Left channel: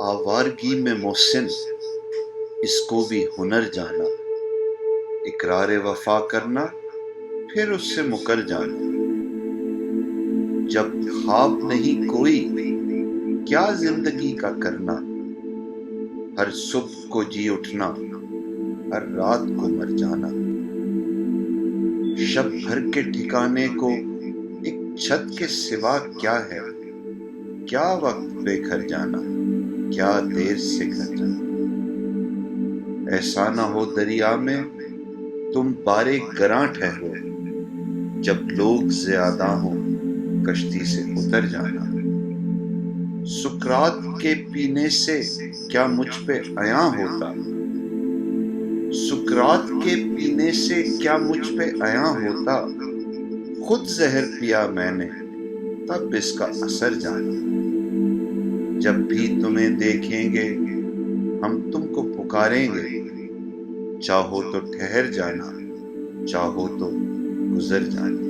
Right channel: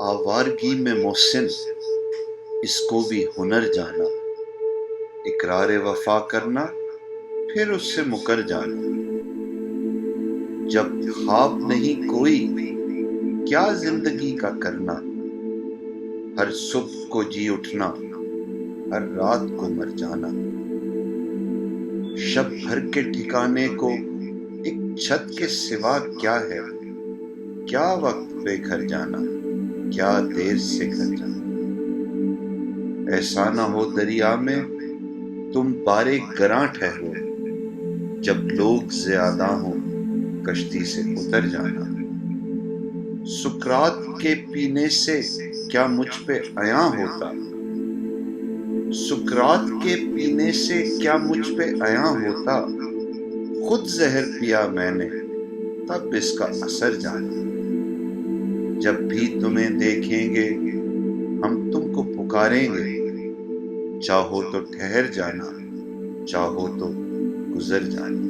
آوارگی میں محسن اس کو بھی ہنر جانا، اقرار وفا کرنا پھر اس سے مکر جانا۔ جب خواب نہیں کوئی کیا زندگی کا کرنا، ہر صبح کو جی اٹھنا ہر رات کو مر جانا۔ شب بھر کے ٹھکانے کو ایک چھت کے سوا کیا ہے، کیا وقت بے گھر جانا، کیا دیر سے گھر جانا۔ ایسا نہ ہو دریا میں تم بارے گراں ٹھہرو، جب لوگ زیادہ ہوں کشتی سے اتر جانا۔ سکرات کے پینے سے کیا مجھ پہ عیاں ہوتا، سکرات کے پینے سے کیا مجھ پہ عیاں ہوتا، خود زہر پیا میں نے تب اس کا اثر جانا۔ جب بھی تمہیں دیکھیں گے ہم تم کو پکاریں گے، چاہو تو ٹھہر جانا، چاہو تو گزر جانا۔